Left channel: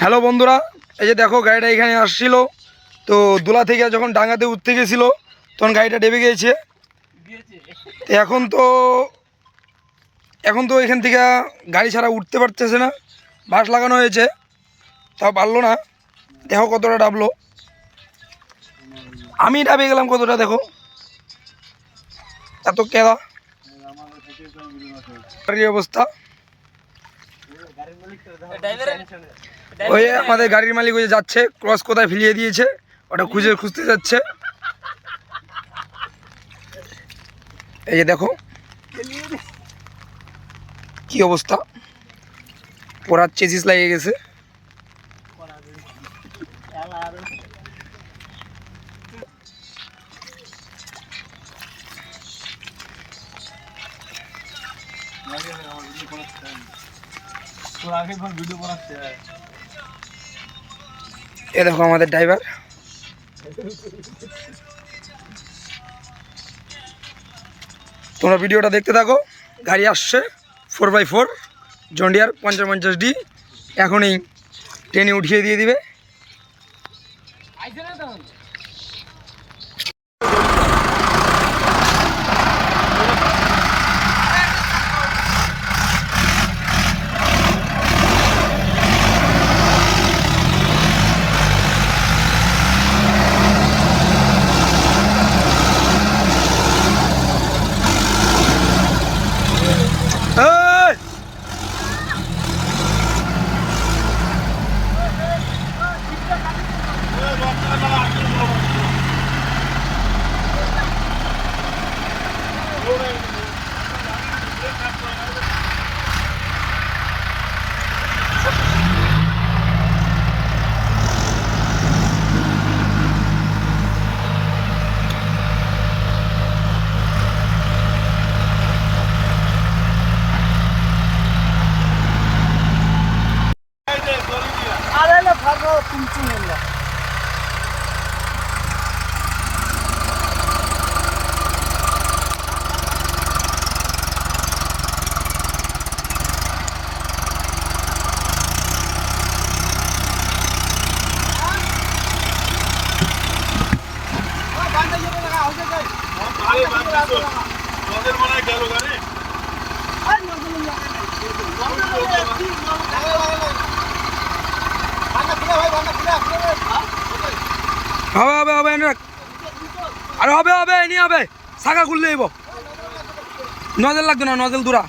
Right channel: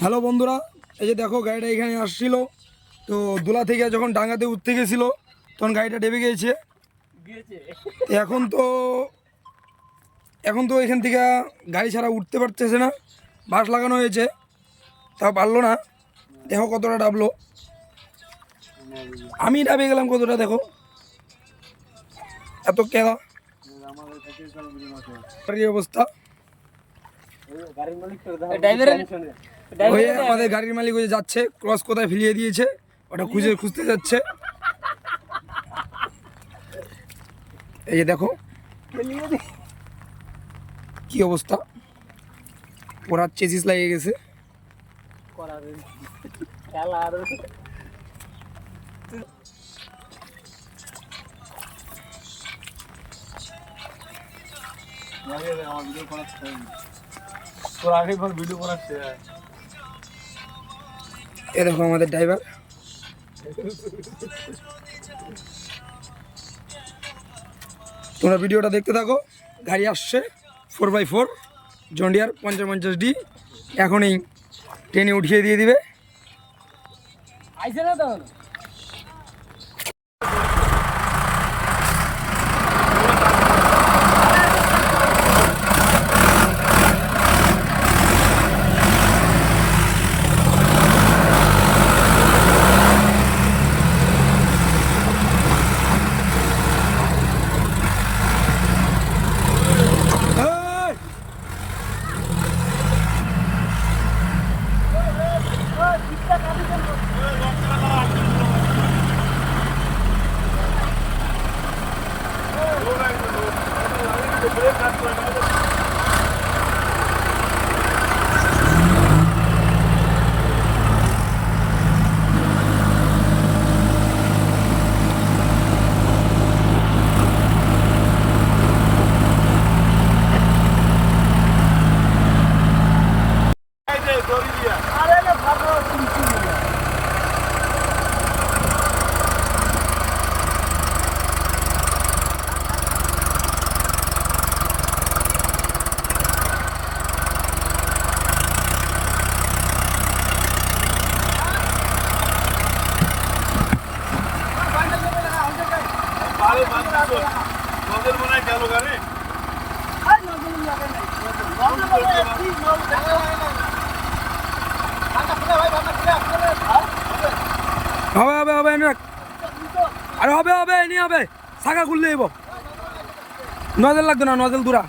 Hello বন্ধুরা, এই যে দেখো গাড়িটা এখানে আসছিল। তো দোলা থেকে যখন ডাঙ্গাতে উঠতে গেছিলো তখন গাড়িটা ডেবে গিয়েছে। এখন তো এখান থেকে গাড়ি ছাড়া উঠতে পারতেছে না। বাস লাগানো হয়েছে, তাও পারলো না। দেখো কতটা ডাবলো, আমি ডাবে গেলাম কতটা, দেখো এত কেদা গাড়ির অবস্থা। ওই আমাদের গাড়ির মালিক ওই যাচ্ছে, ক্রস কোথায় ফেলিয়ে দিয়েছে ওটা খুঁজতে যাচ্ছে। এই যে দেখো কি অবস্থা, পোড়ার চেসিস লাগিয়ে গেছে। এ দেখো আমাদের ড্রাইভার। তোমরা ভিডিওটা দেখতে থাকো। গাড়ি আসছে 4x4 জন্ডিয়ার 50-50D, এখনই ট্রেনে উঠিয়ে দিয়ে দিবে। হবে আরে হবে নিয়ে হবে, শাখা খুললে এবো, নজল লাগতো না, নজল দূরা।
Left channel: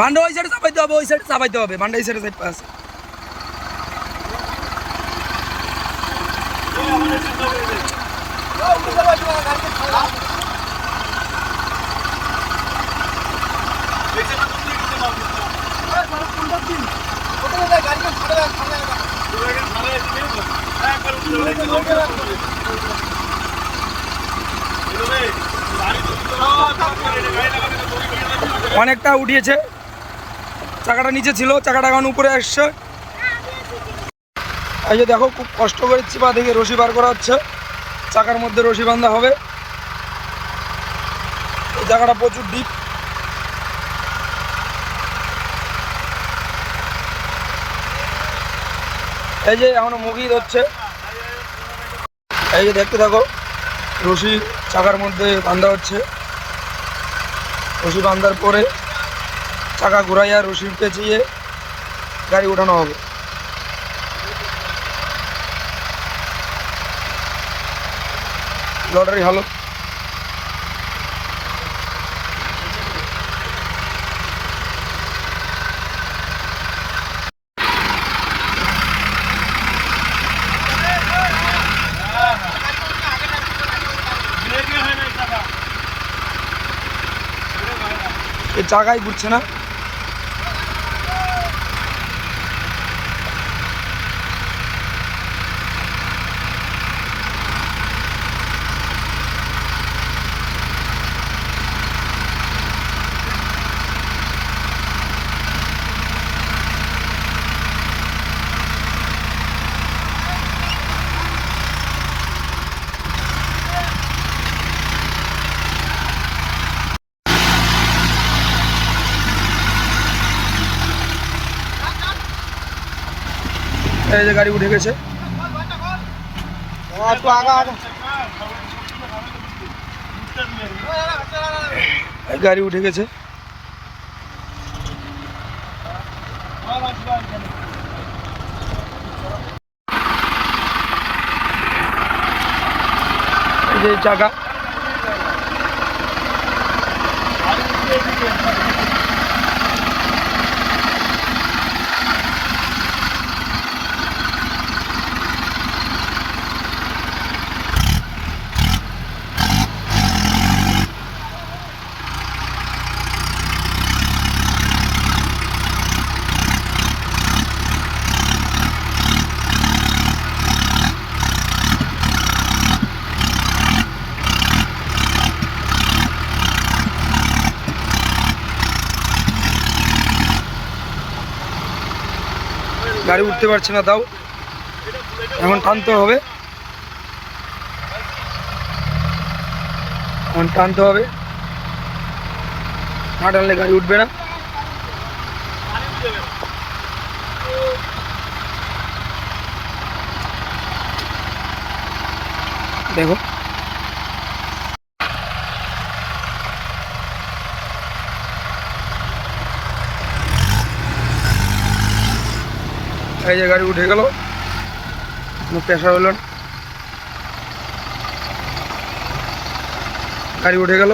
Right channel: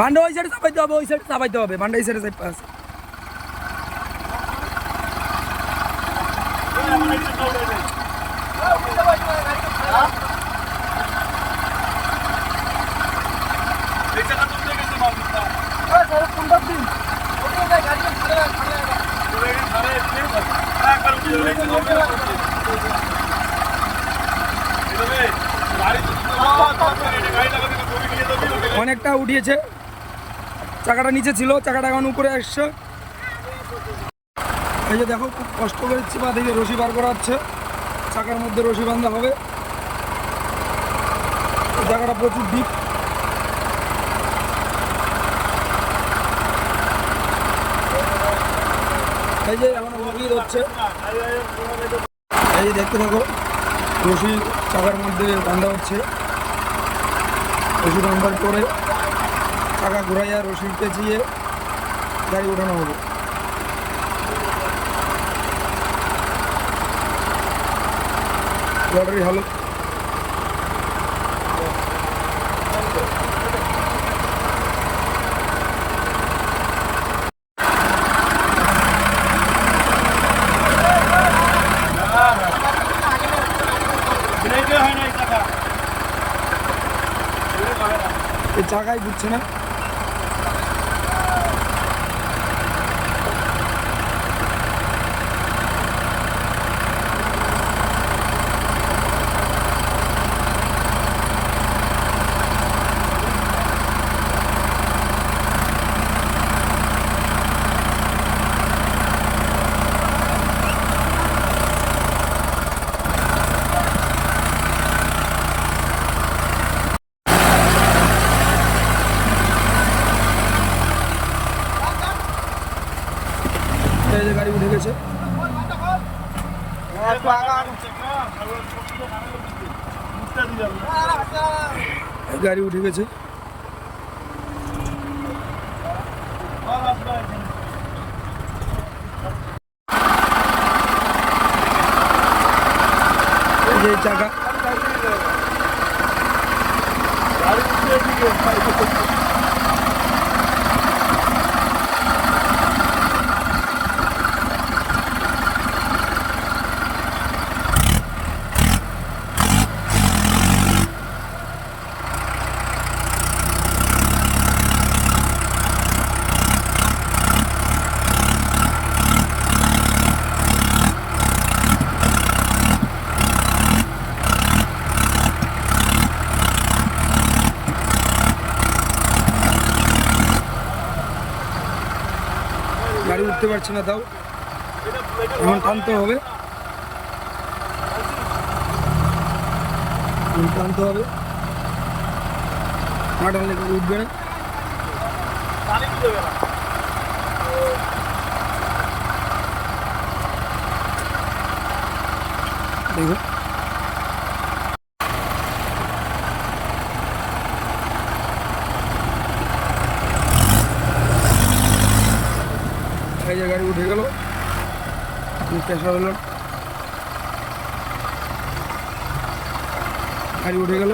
ভান্ডা ওই সাইডে চাপাইতে হবে, ভান্ডা এই সাইডে আছে। অনেকটা উঠিয়েছে, চাকাটা নিচে ছিল, চাকাটা এখন উপরে আসছে। এই যে দেখো খুব কষ্ট করে চিপা থেকে রশি বার করা হচ্ছে, চাকার মধ্যে রশি বাঁধা হবে। এই জায়গাটা প্রচুর ডিপ। এই যে এখনো মুগি ধরছে, এই যে দেখতে থাকো, রশি চাকার মধ্যে বাঁধা হচ্ছে। রশি বাঁধার পরে চাকা ঘুরাইয়া রশি পেঁচিয়ে গাড়ি ওঠানো হবে। লটারি হালত এই চাকাই ঘুরছে না। এই যে গাড়ি উঠে গেছে। এই গাড়ি উঠে গেছে। এই যে চাকা, গাড়ি উঠতে পারছে না, তাও এখন টানতে হবে, এখন টানতে হবে, না টানলে গাড়ি উঠবে না। দেখো এই যে গাড়ি উঠে গেল, কোনো প্রেশার হলো না, গাড়ি উঠে গেল।